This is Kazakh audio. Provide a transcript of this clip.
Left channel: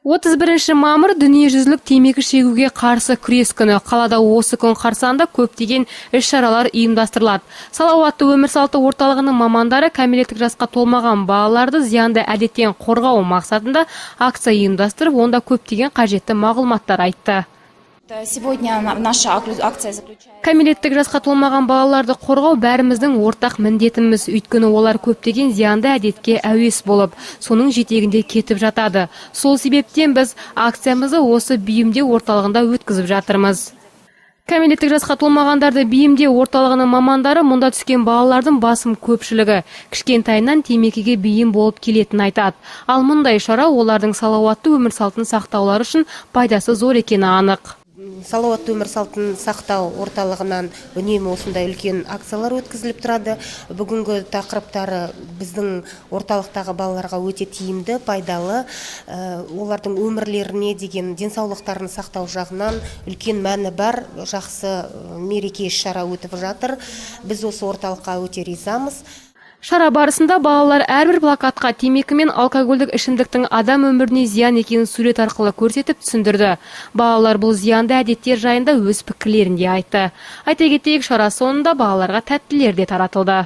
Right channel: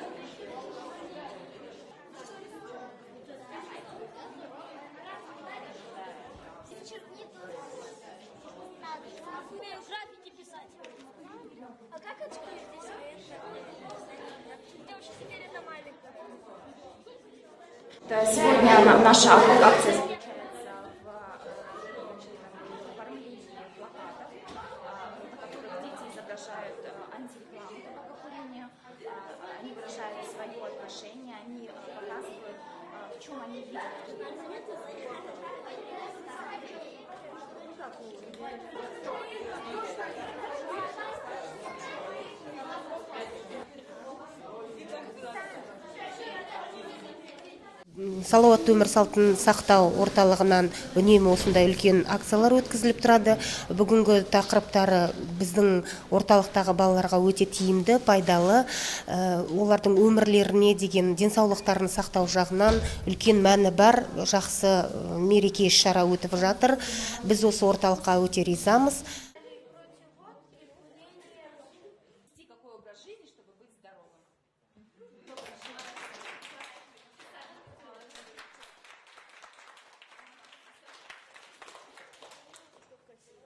31 мамыр дүниежүзілік темекі шегуге қарсы күрес күні. Қалада осы күн қарсаңында көптеген іс-шаралар ұйымдастырылады. Салауатты өмір салты орталығының мамандары кәмелеттік жасқа толмаған балаларды зиянды әдеттен қорғау мақсатында акция ұйымдастырып, онда көптеген қажетті мағлұматтар айтты. Сегодня наша акция Кәмелеттік жасқа толмаған балаларды қорғау бәріміздің ортақ міндетіміз. Өйткені олар көптеген зиянды әдетке әуес болып, соның жетегінде кетіп жатады. Сол себептен біз акциямызды осы бейімдеу орталығында өткізіп жатырмыз. Кәмелеттік жасқа толмағандарды бейімдеу орталығының мамандары мұнда түскен балалардың басым көпшілігі кішкентайынан темекіге бейім болып келетін айтады. Ал мұндай шара олардың салауатты өмір салтын сақтаулары үшін пайдасы зор екені анық. Салауатты өмір салтын сақтау орталығынан үнемі осындай үлкен акциялар өткізіліп тұрады. Бүгінгі тақырыптары біздің орталықтағы балаларға өте тиімді, пайдалы. Олардың өмірлеріне деген денсаулықтарын сақтау жағынан үлкен мәні бар, жақсы мереке іс-шара өтіп жатыр. Біз осы орталыққа өте ризамыз. Шара барысында балалар әрбір плакатқа темекі мен алкогольдік ішімдіктің адам өміріне зиян екенін сурет арқылы көрсетіп түсіндірді. Балалар бұл зиянды әдеттер жайында өз пікірлерін де айтты. Айта кетейік, шара соңында балаларға тәттілер де таратылды.